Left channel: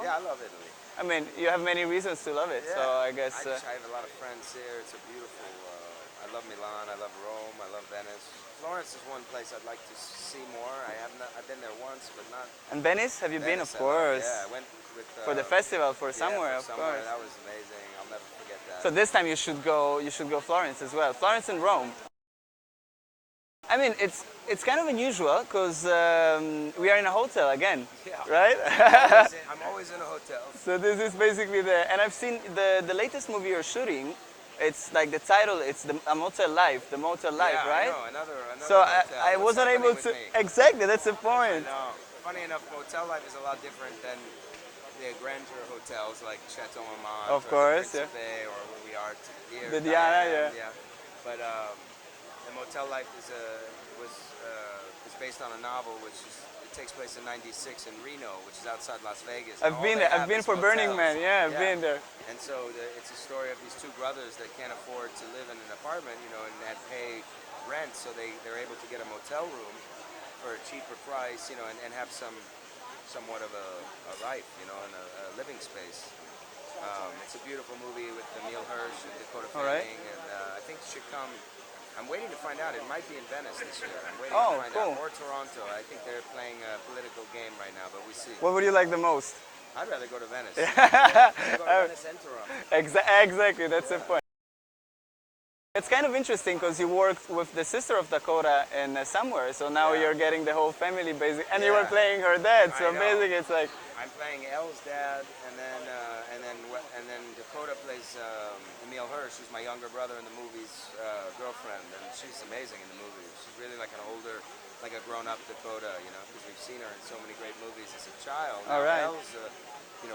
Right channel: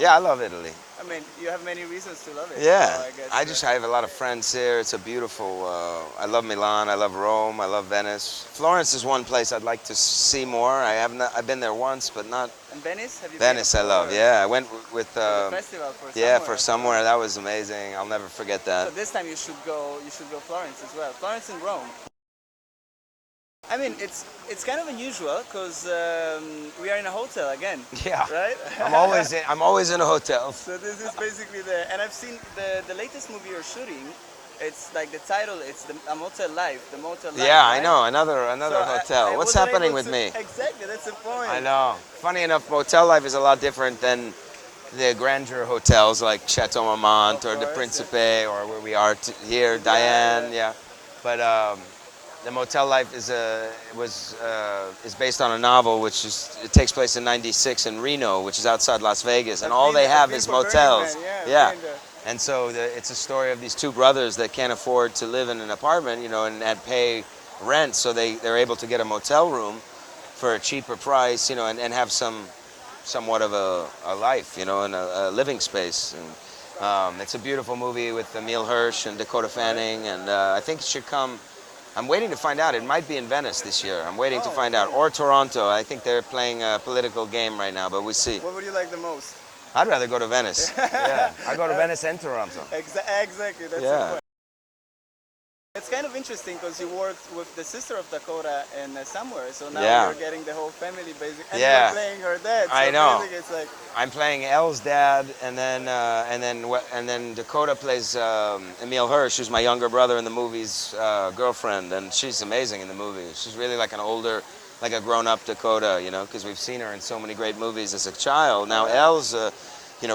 Yeah, I love Italy. I mean, you have many reasons to love it. Yeah, So I guess. I have a lot of friends here. It's a beautiful. I love Milan. I love Rome. I love Venice. Florence is one place I'd like to see more. I have not. I've been there once, but not And Venice? Have you been, of Venice. I love. course? Yeah, I went with. For the festival, for Yeah, somewhere, for of somewhere course. that was amazing. I'll never forget that. So this time you should go. You should go Florence as well. Florence and Rome. I mean, it's kind of unusual because we are in a hotel again. Yeah. Right. I'm always in a hotel. So this is basically and I've seen the latest movie you're shooting. It's like the title. It's a Motel Life. The Motel Life. Yeah, right? I know. Another So hotel. I What's wasn't happening able with to- me? Exactly. That's the point. I know. Funny enough, motel life is a lot different than the grandeur hotels like Chateau Marmont Of or the course, Principe or where we are here, Yeah, Diane. yeah. Yeah. But the motel life is based on a novel it takes place in '96 in Reno, which is outside Las Vegas, and all they have is motels. Yeah, I've been there. And so it's a story of these two brothers that can't afford to live in an apartment, and pay rent, so they're able to get a motel room for a cheaper price, and have somewhat of a life, and a living space. And it's a beautiful movie with Emile Hirsch and Dakota Fanning, and I think it should come. I'm waiting to find out. It might be in Venice this year. I'm waiting to find out. Cool. Or Toronto. I think they're playing a political game right now, but we see. What would you like the most? I'd rather go to Venice. Yeah, I'd go to Venice and Toronto. Exactly. That's the Yeah. point. It's kind of interesting because you worked with the sister of Dakota in Somewhere, so now Yeah. you're getting the whole family basically, and Yeah. you're playing her dad. So I know. basically it's like, I'm playing Elle's dad, and then Dakota plays Emile Hirsch, who's my younger brother in the movie's girlfriend, and she's amazing in the movie. She's really like an older, like a grown-up Dakota, because we've seen her in so many great movies as a child. Now Alright. Elle's,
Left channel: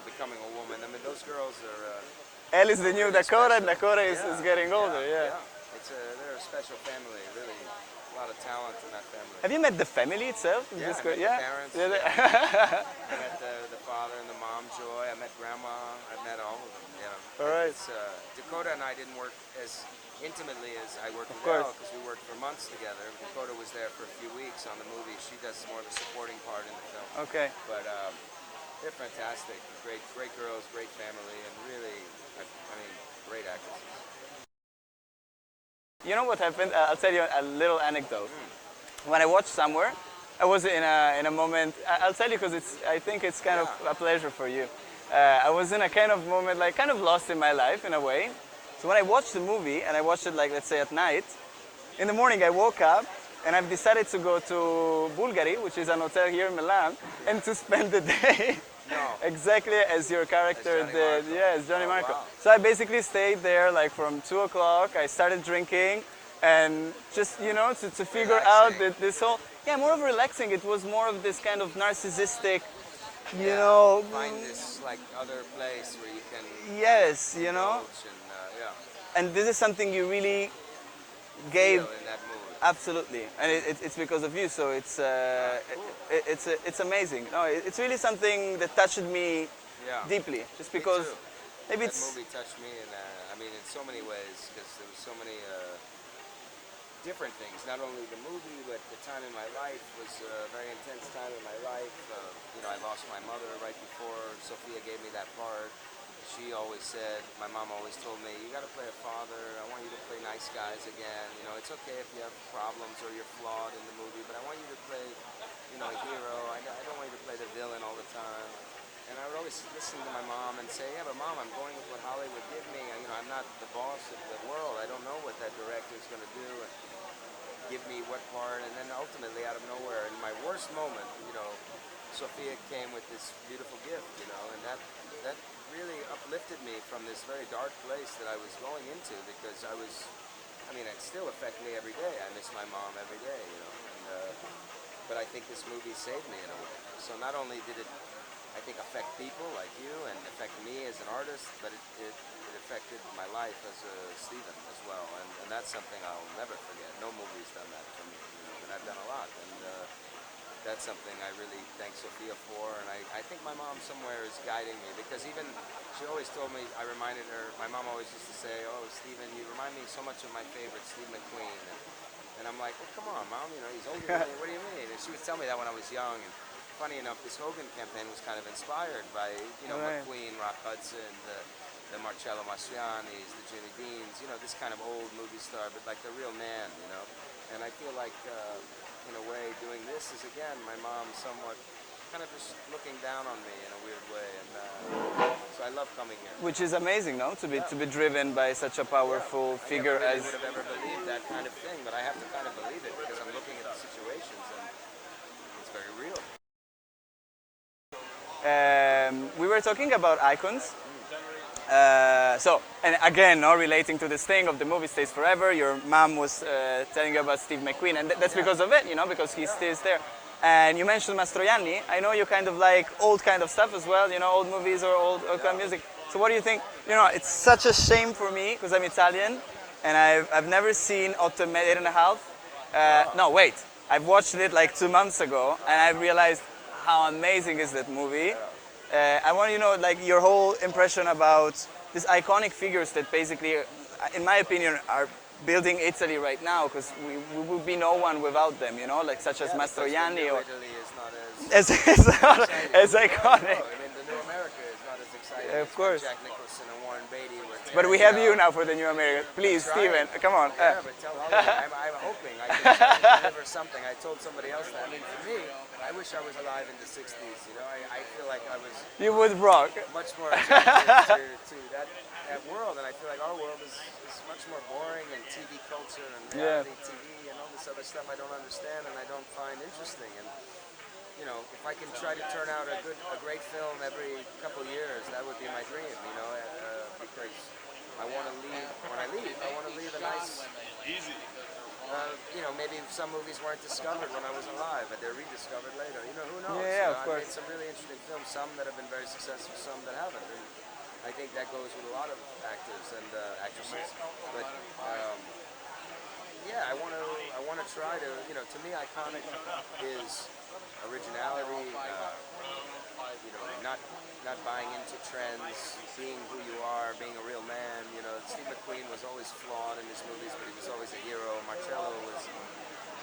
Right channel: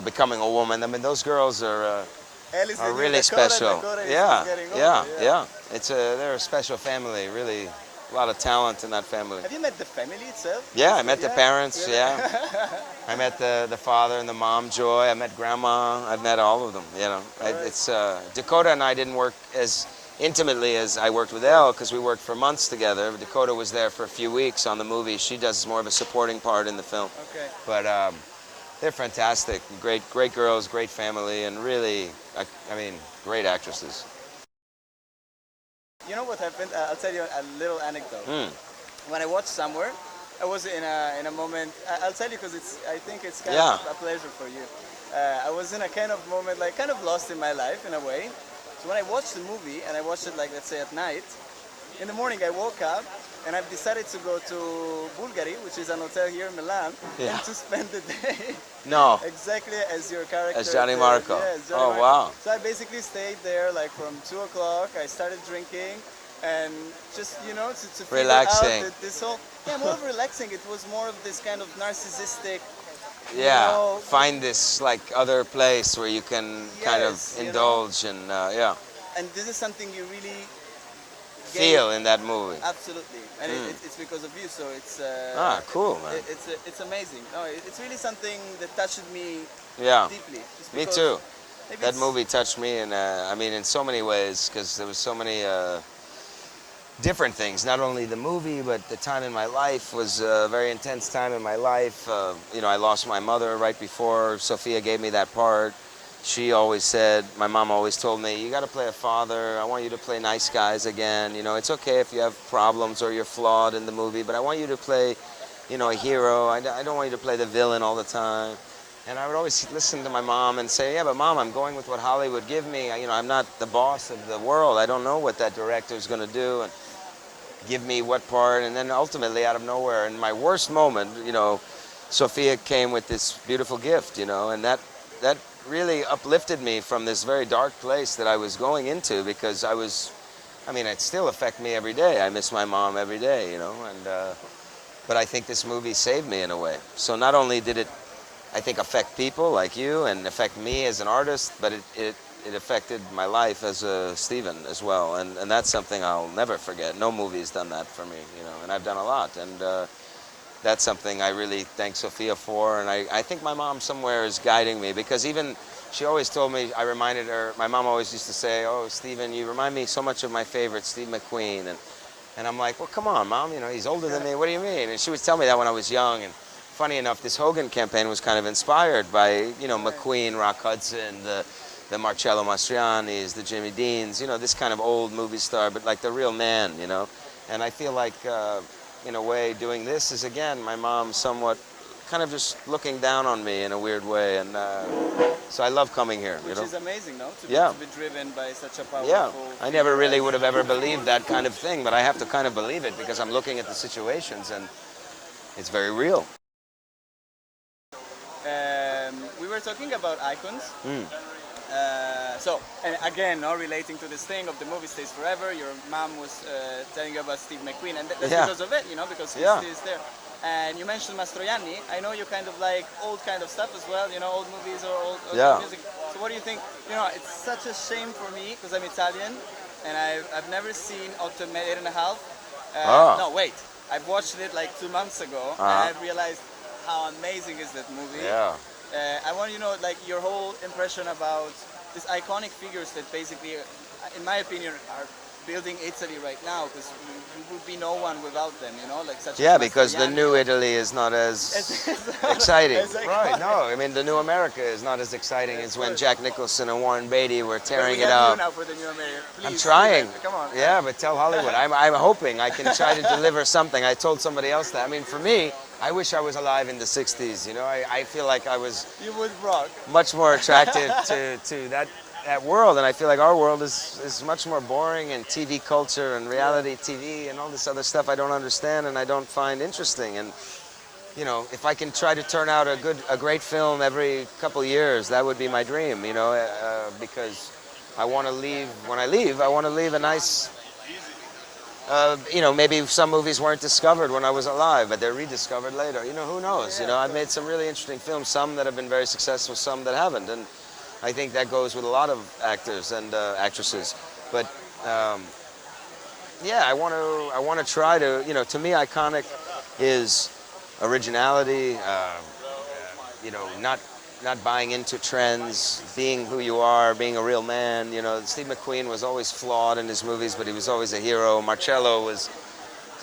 becoming a woman. I mean, those girls are Elle is the new really Dakota, special. and Dakota is getting older. Yeah. They're a special family. Really, a lot of talent in that family. Have you met the family itself? Yeah, I met the parents. Really? Yeah, I met the father and the mom, Joy. I met Grandma. I've met all of them. Alright. It's Dakota and I didn't work as intimately as I worked with Elle because we worked for months together. Dakota was there for a few weeks on the movie. She does more of a supporting part in the film. Okay. But they're fantastic. Great girls, great family, and really, great actresses. You know what happened? I'll tell you a little anecdote. Mm. When I watched Somewhere, I was in a moment. I'll tell you because I think it's kind of a pleasure for you. I was in a kind of moment, like kind of lost in my life in a way. So when I watched the movie, and I watched it like, let's say, at night, in the morning I woke up and I've decided to go to Bulgari, which is an hotel here in Milan, and to spend the day No. exactly as your character As Johnny did. Marco. Yeah, as Johnny Oh, Marco. wow. So I basically stayed there like from 2 o'clock. I started drinking and just, to figure Relaxing. out this whole, more of relaxing. It was more of this kind of narcissistic, Yeah, find this like other place where you can kind of Yes, indulge and and this is something you really feel in that movie. Absolutely, and it's because of you. So it's Cool, man. it's amazing. No, it's really something that touched me Yeah, deeply. Just me because too. maybe That it's- movie touched me, and in so many ways, because there was so many different things. Not only the movie, but the time in my life was a very intense time in my life. I lost my mother right before Sophia gave me that part. She always said, my mom always told me, you got to play a father. I want you to play nice guys again. It's okay if you have problems or you're flawed in the movie, but I want you to play, a hero. I don't want you to play the villain all the time. And I would always listen to my mom and say, yeah, but Mom, I'm going with what Hollywood give me. I'm not the boss of the world. I don't know what that director's going to do and give me what part. And then ultimately, out of nowhere, in my worst moment, Sophia came with this beautiful gift, and that really uplifted me from this very dark place that I was going into, because it still affects me every day. I miss my mom every day, but I think this movie saved me in a way. So not only did it, I think, affect people like you and affect me as an artist, but it affected my life as a Stephen as well. And that's something I'll never forget. No movie's done that for me, and I've done a lot. And that's something I really thank Sophia for, and I think my mom somewhere is guiding me, because even she always told me, I reminded her, my mom always used to say, oh, Stephen, you remind me so much of my favorite, Steve McQueen, and I'm like, well, come on, Mom, he's older than me, what do you mean? And she would tell me that when I was young, and funny enough, this Hogan campaign was kind of inspired by, you know, McQueen, Rock Hudson, the Marcello Mastroiannis, the Jimmy Deans, you know, this kind of old movie star, but like the real man, you know. And I feel like, in a way, doing this is, again, my mom somewhat kind of just looking down on me in a weird way. And so I love coming here. Which you know? is amazing, no? To be driven by such a Yeah, powerful I never figure really as- would have ever believed that kind of thing, but I have to kind of believe it because I'm looking at the situations and it's very real. We were talking about icons. Mm. And again, no, relating to this thing of the movie stays forever, your mom was telling you about Steve McQueen, and that's Yeah. because of it, you know, because he Yeah. stays there. And you mentioned Mastroianni. I know you kind of like old kind of stuff as well, you know, old movies or old Yeah. music. So what do you think? You know, it's such a shame for me because I'm Italian, and I've never seen 8 and a half. Ah. No, wait. I've watched it like 2 months ago, and I realized how amazing is that movie. Yeah. I want to know like your whole impression about these iconic figures that basically, in my opinion, are building Italy right now because we would be no one without them, you know, like such Yeah, as because the Mastroianni new or- Italy is not as It's not exciting. as Right, iconic. no, I mean, the new America is not as exciting Of as when course. Jack Nicholson and Warren Beatty were But tearing we it have up. you now for the new America. Please, I'm trying. Steven, come on. Yeah, but tell Hollywood. I'm hoping I can try to deliver something. I told somebody else that. I mean, for me, I wish I was alive in the 60s. You know, I feel like I was You would rock. much more attracted to that world, and I feel like our world is much more boring, and TV culture and reality TV and all this other stuff I don't understand and I don't find interesting. And you know, if I can try to turn out a great film every couple years, that would be my dream. You know, because I want to leave. When I leave, I want to leave a nice. You know, maybe some movies weren't discovered when I was alive, but they're rediscovered later. You know, who knows? Yeah, you know, of I've made some really interesting films, some that have been very successful, some that haven't, and I think that goes with a lot of actors and actresses. But yeah, I want to try to, you know, to me, iconic is originality. You know, not buying into trends, being who you are, being a real man. You know, Steve McQueen was always flawed in his movies, but he was always a hero. Marcello was,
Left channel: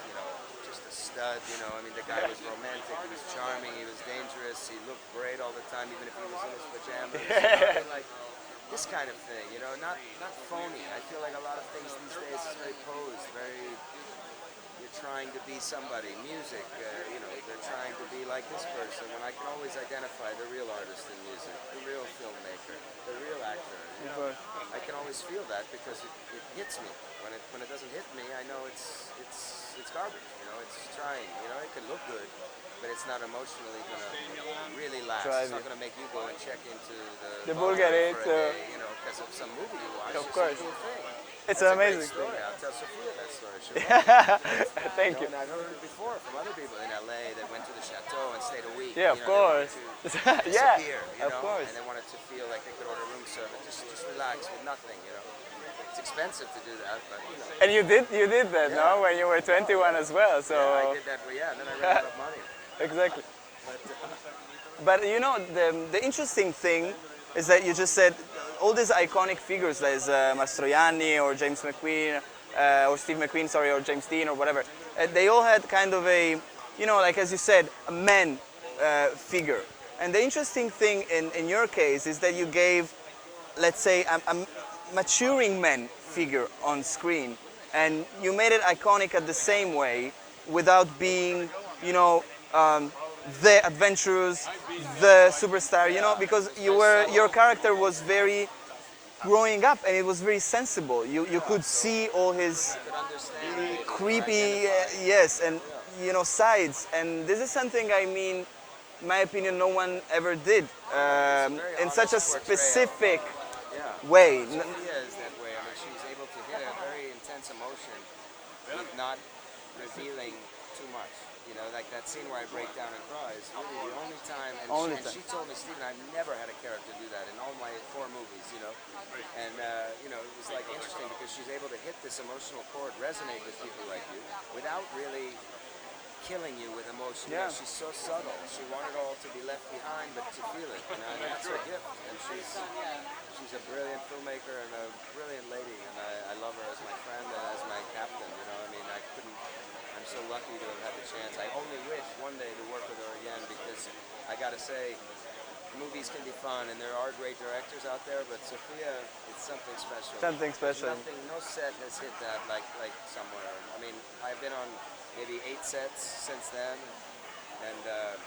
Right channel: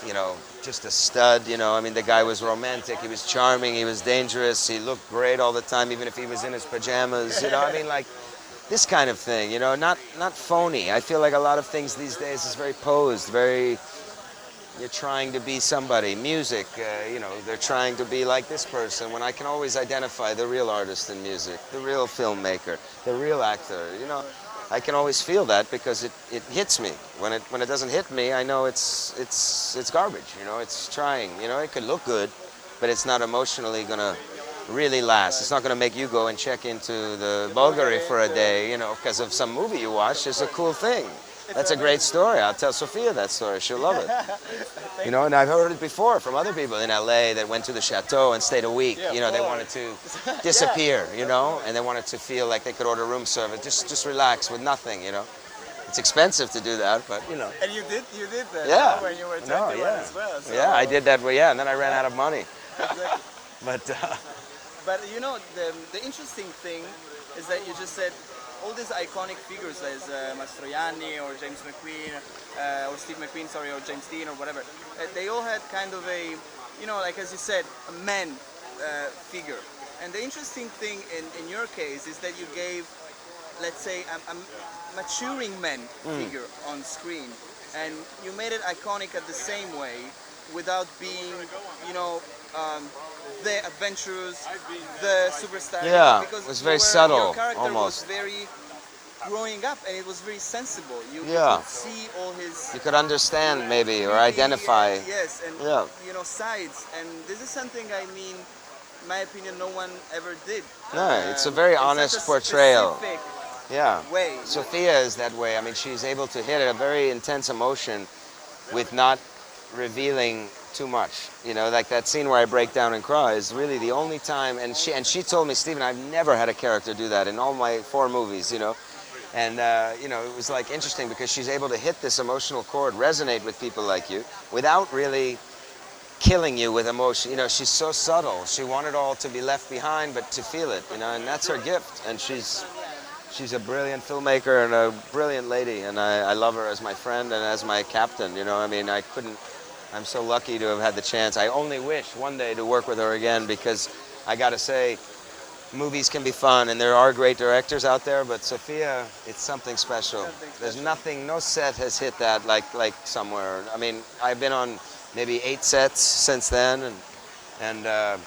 you know, just a stud. You know, I mean, the guy was romantic. He was charming. He was dangerous. He looked great all the time, even if he was in his pajamas. You know, I mean, like this kind of thing. You know, not phony. I feel like a lot of things these days is very posed, very. You're trying to be somebody. Music, you know, they're trying to be like this person when I can always identify the real artist in music, the real filmmaker, the real actor. You know, I can always feel that because it hits me. When it doesn't hit me, I know it's garbage. You know, it's trying. You know, it could look good, but it's not emotionally gonna really last. It's not gonna make you go and check into the Bulgari for a day. You know, because of some movie you watched. It's a cool thing. It's That's a amazing. great story. I'll tell Sophia that story. She'll love it. You know, and I've heard it before from other people in LA that went to the chateau and stayed a week. Yeah, you know, of they wanted course. to disappear, you know, and they wanted to feel like they could order room service. Just relax with nothing, you know. It's expensive to do that, but you know. And you did that Yeah. no, when you were 21 yeah. as well. So. Yeah, I did that, well, yeah, and then I ran out of money. Exactly. But But you know, the interesting thing is that you just said all these iconic figures like Mastroianni or James McQueen, or Steve McQueen, sorry, or James Dean or whatever, they all had kind of a, you know, like as you said, a man figure. And the interesting thing in your case is that you gave, let's say, a maturing man figure on screen. And you made it iconic at the same way without being, you know, the adventurous, the superstar, you Yeah, know, because it's you very were, subtle, your character almost. was very growing up and it was very sensible. You Yeah. could see all his you could understand maybe or creepy, identify. yes, and Yeah. you know, sides. And this is something, I mean, in my opinion, no one ever did. Yeah, it's a very in honest such a portrayal. specific Yeah. way. Sophia is that way. I mean, she's able to hit a very intense emotion with not revealing too much. You know, like that scene where I break down and cry is really the only time. And she told me, Stephen, I've never had a character do that in all my 4 movies. You know, and you know, it was like interesting because she's able to hit this emotional chord, resonate with people like you, without really killing you with emotion. You know, she's so subtle. She wanted all to be left behind, but to feel it. You know, and that's her gift. And she's a brilliant filmmaker and a brilliant lady, and I love her as my friend and as my captain. You know, I mean, I couldn't I'm so lucky to have had the chance. I only wish one day to work with her again because I got to say, movies can be fun and there are great directors out there, but Sofia, it's something special. Something special. There's nothing, no set has hit that like somewhere. I mean, I've been on maybe 8 sets since then, and that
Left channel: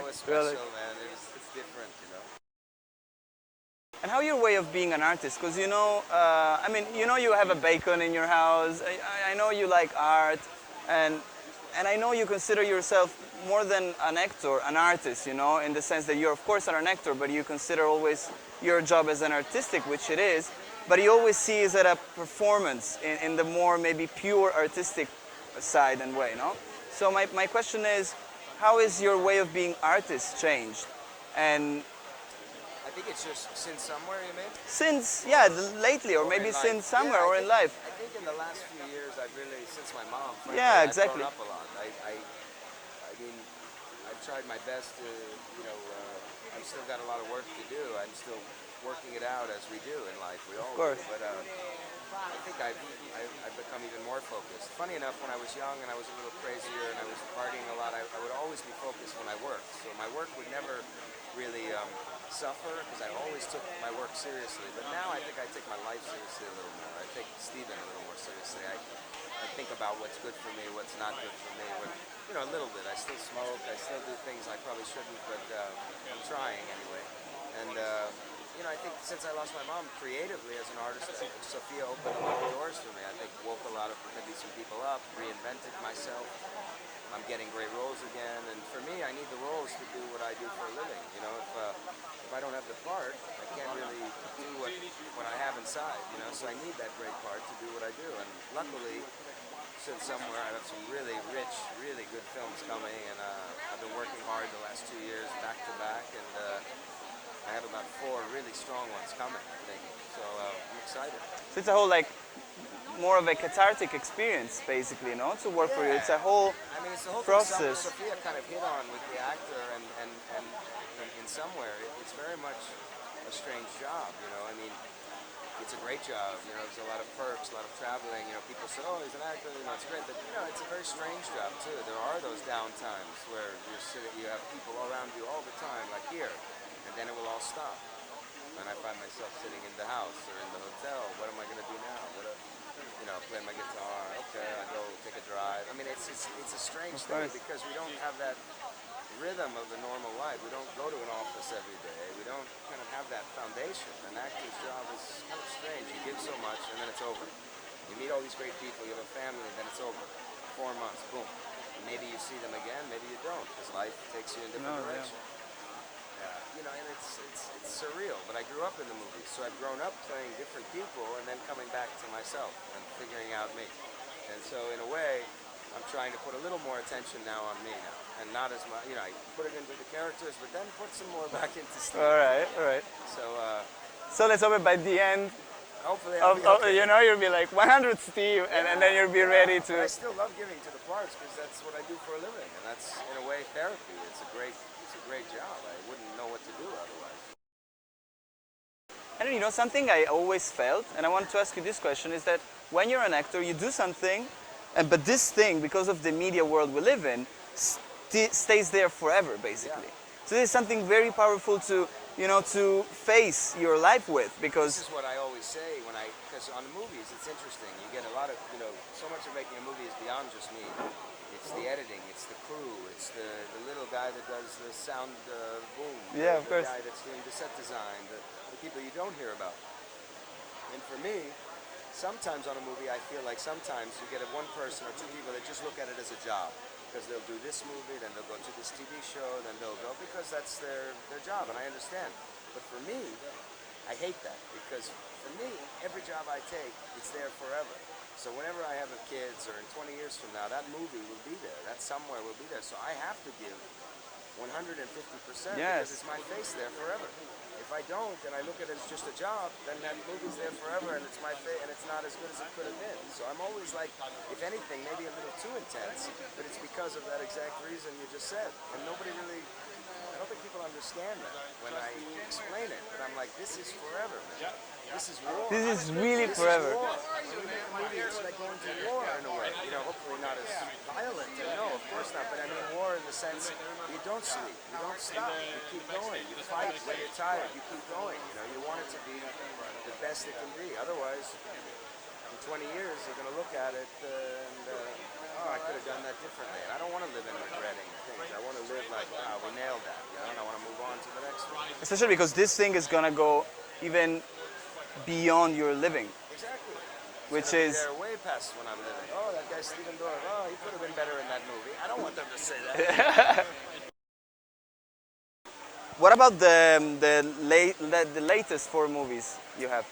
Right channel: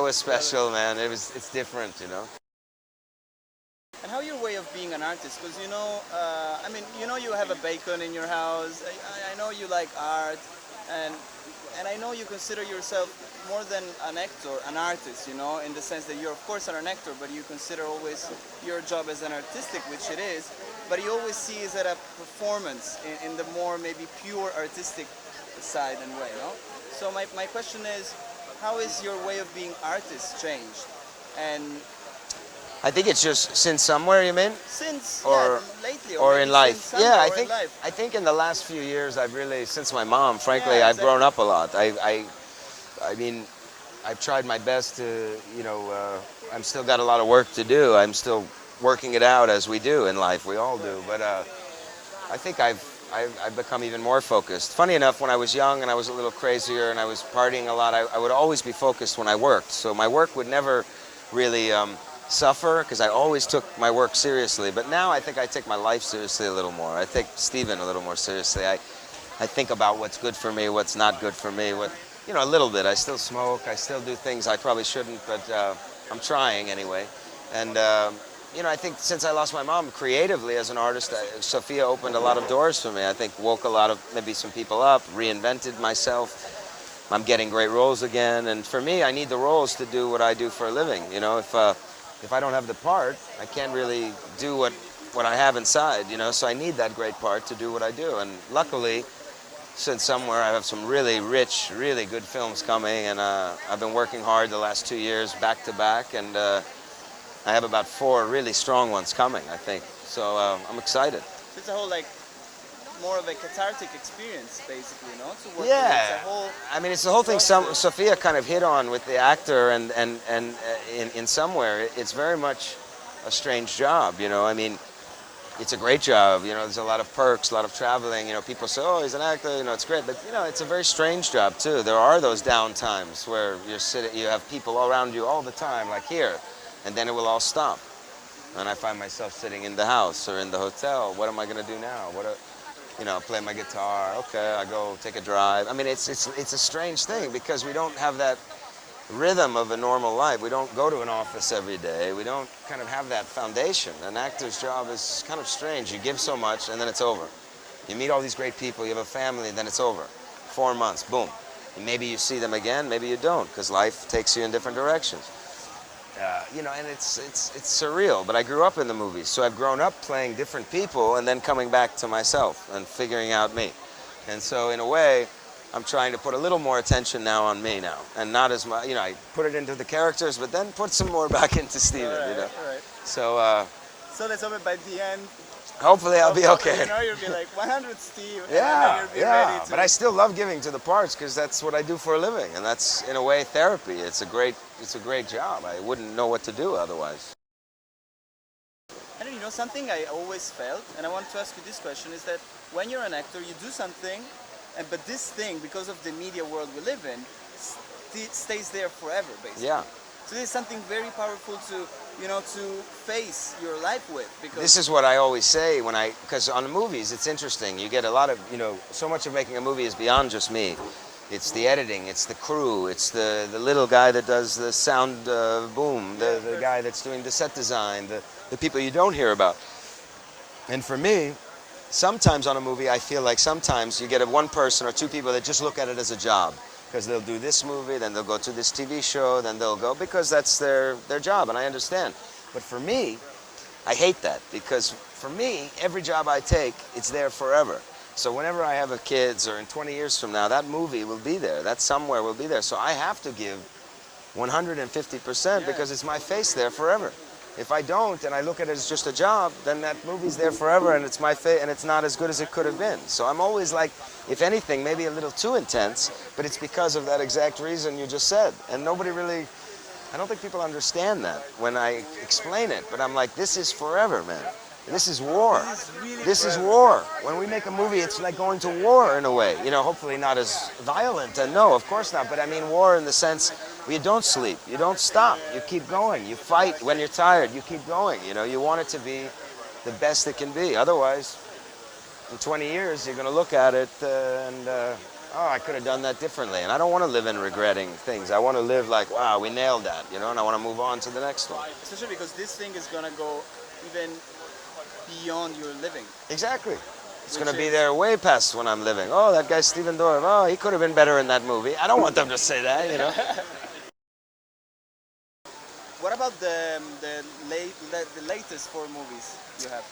was special, man. It's different, you know. And how your way of being an artist? Because you know, I mean, you know, you have a bacon in your house. I know you like art, and I know you consider yourself more than an actor, an artist. You know, in the sense that you're of course an actor, but you consider always your job as an artistic, which it is. But you always see it as a performance in the more maybe pure artistic side and way. No. So my question is, how is your way of being artist changed? And I think it's just since somewhere, you mean? since, Or- yeah, lately, or maybe in life. since somewhere, Yeah, or in life. I think in the last few years, I've really, since my mom, frankly, Yeah, I've grown exactly. up a lot. I mean, I've tried my best to, you know, I'm still got a lot of work to do. I'm still working it out as we do in life. We all do. But I think I've become even more focused. Funny enough, when I was young and I was a little crazier and I was partying a lot, I would always be focused when I worked. So my work would never really suffer because I always took my work seriously. But now I think I take my life seriously a little more. I take Steven a little more seriously. I think about what's good for me, what's not good for me, you know, a little bit. I still smoke, I still do things I probably shouldn't, but I'm trying anyway. And you know, I think since I lost my mom, creatively as an artist, Sofia opened a lot of doors for me. I think woke a lot of, maybe some people up, reinvented myself. I'm getting great roles again, and for me, I need the roles to do what I do for a living. You know, if I don't have the part, I can't really do what I have inside, you know, so I need that great part to do what I do. And luckily, since somewhere, I have some really rich, really good films coming, and I've been working hard the last 2 years, back to back, and I have about 4 really strong ones coming, I think. So I'm excited. So it's a whole like more of a cathartic experience, basically, you know, to work Yeah. with. It's a whole. I mean, it's the whole thing process. Sofia kind of hit on with the actor, and in somewhere, it's very much a strange job, you know. I mean, it's a great job, you know, there's a lot of perks, a lot of traveling, you know, people say, oh, he's an actor, you know, it's great, but, you know, it's a very strange job, too. There are those down times where you have people around you all the time, like here, and then it will all stop. And I find myself sitting in the house or in the hotel. What am I going to do now? You know, play my guitar. Okay, I go take a drive. I mean, it's a strange thing because we don't have that rhythm of a normal life. We don't go to an office every day. We don't kind of have that foundation. An actor's job is kind of strange. You give so much and then it's over. You meet all these great people, you have a family, then it's over. 4 months, boom. Maybe you see them again, maybe you don't, because life takes you in different directions. You know, and it's surreal, but I grew up in the movies, so I've grown up playing different people and then coming back to myself and figuring out me. And so in a way, I'm trying to put a little more attention now on me now, and not as much, you know, I put it into the characters, but then put some more back into Steven. All right, you know? all right. So So let's hope by the end, hopefully I'll be okay. you know, you'll be like 100 Steve, Yeah, and then you'll be yeah. ready to. But I still love giving to the parts because that's what I do for a living, and that's in a way therapy. It's a great job. I wouldn't know what to do otherwise. And you know, something I always felt, and I want to ask you this question, is that when you're an actor, you do something, but this thing, because of the media world we live in, stays there forever, basically. Yeah. So this is something very powerful to, you know, to face your life with, because This is what I always say because on the movies, it's interesting. You get a lot of, you know, so much of making a movie is beyond just me. It's the editing, it's the crew, it's the little guy that does the sound boom, Yeah, the guy that's doing the set design, the people you don't hear about. And for me, sometimes on a movie, I feel like sometimes you get one person or 2 people that just look at it as a job. Because they'll do this movie, then they'll go to this TV show, then they'll go, because that's their job, and I understand. But for me, I hate that, because for me, every job I take, it's there forever. So whenever I have kids, or in 20 years from now, that movie will be there, that somewhere will be there. So I have to give 150% because it's my face there forever. If I don't, and I look at it as just a job, then that movie's there forever, and it's my face, and it's not as good as it could have been. So I'm always like, if anything, maybe a little too intense, but it's because of that exact reason you just said. And nobody really, I don't think people understand that when I explain it, but I'm like, this is forever, man. This is war. This is really This is forever. war. When we make a movie, it's like going to war in a way. You know, hopefully not as violent. And no, of course not. But I mean war in the sense where you don't sleep. You don't stop. You keep going. You fight when you're tired. You keep going. You know, you want it to be the best it can be. Otherwise, in 20 years, you're going to look at it oh, I could have done that differently. And I don't want to live in regretting things. I want to live like, wow, we nailed that, you know, and I want to move on to the next one. Especially because this thing is gonna go even beyond your living. Exactly. It's Which going to be is- there way past when I'm living. Oh, that guy Stephen Dorff. Oh, he could have been better in that movie. I don't want them to say that, you know. What about the latest 4 movies you have?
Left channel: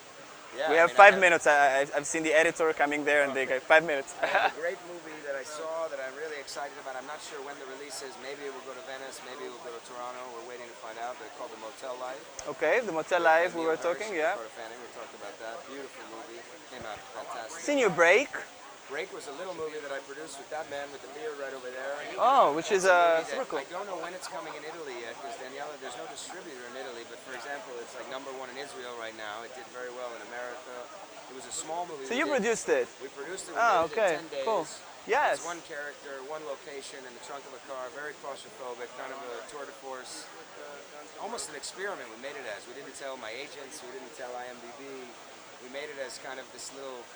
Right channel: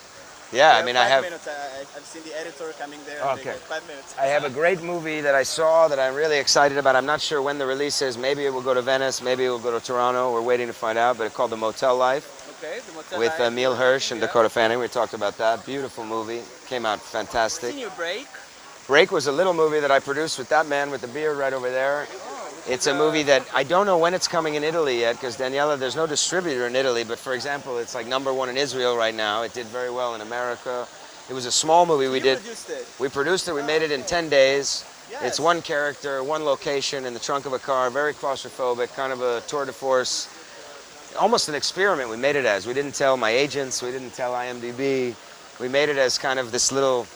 Yeah, We I mean, have I 5 have, minutes. I've seen the editor coming there and they Okay. go, 5 minutes. I have a great movie that I saw that I'm really excited about. I'm not sure when the release is. Maybe it will go to Venice. Maybe it will go to Toronto. We're waiting to find out. But it's called The Motel Life Okay, the Motel with Life, we Emile were Hirsch talking, and yeah. Dakota Fanning. We talked about that. Beautiful movie. Came out Seen fantastic. your break? Break was a little movie that I produced with that man with the beard right over there. Oh, which It's is a movie that super I don't know when it's coming in Italy yet, because Daniela, there's no distributor in Italy, but for example, it's like #1 in Israel right now. It did very well in America. It was a small movie cool. we You did. produced it. We produced it, we Ah, made it in okay, 10 days. cool. Yes. It's one character, one location in the trunk of a car, very claustrophobic, kind of a tour de force, almost an experiment we made it as. We didn't tell my agents, we didn't tell IMDb. We made it as kind of this little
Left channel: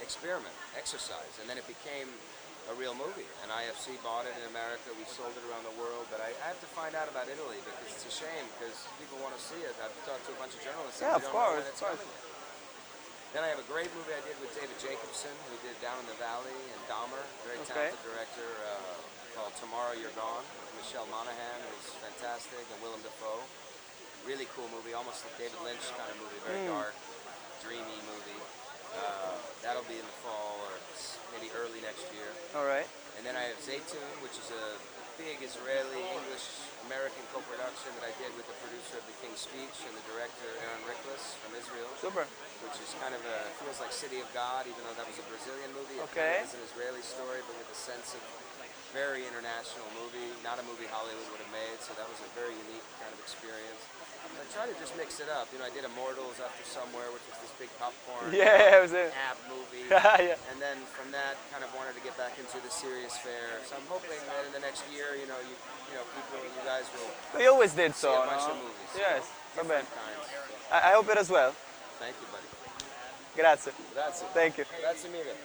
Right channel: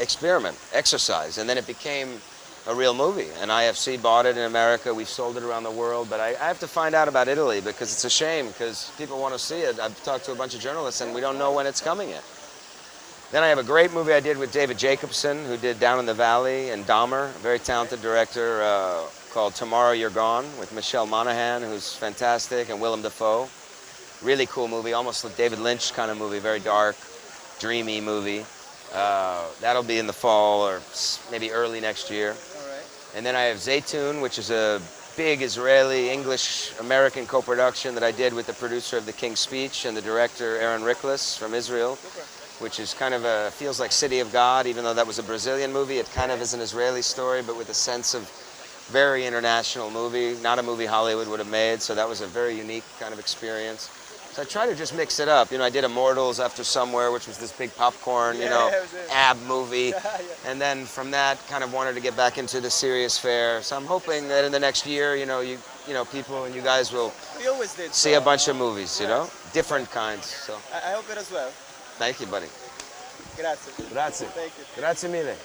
experiment, exercise, and then it became a real movie. And IFC bought it in America, we've sold it around the world, but I have to find out about Italy because it's a shame because people want to see it. I've talked to a bunch of journalists and we don't know when it's coming yet. Then I have a great movie I did with David Jacobson, who did Down in the Valley and Dahmer, a very talented director, called Tomorrow You're Gone, with Michelle Monaghan, who's fantastic, and Willem Dafoe. Really cool movie, almost like David Lynch kind of movie, very dark, dreamy movie. That'll be in the fall or maybe early next year. All right. And then I have Zaytoun, which is a big Israeli, English-American co-production that I did with the producer of The King's Speech and the director Aaron Riklis from Israel, Super. which is kind of feels like City of God, even though that was a Brazilian movie. It kind of is an Israeli story, but with a sense of very international movie, not a movie Hollywood would have made, so that was a very unique kind of experience. So I try to just mix it up. You know, I did Immortals After Somewhere, which was this big popcorn, Yeah, it was it. ab movie. Yeah. And then from that, kind of wanted to get back into the serious fare. So I'm hoping that in the next year, you know, people and you guys will You always did see so. a bunch of movies, you yes. know, different kinds. So I hope it as well. thank you, buddy. Grazie. Grazie. Thank you. Grazie mille.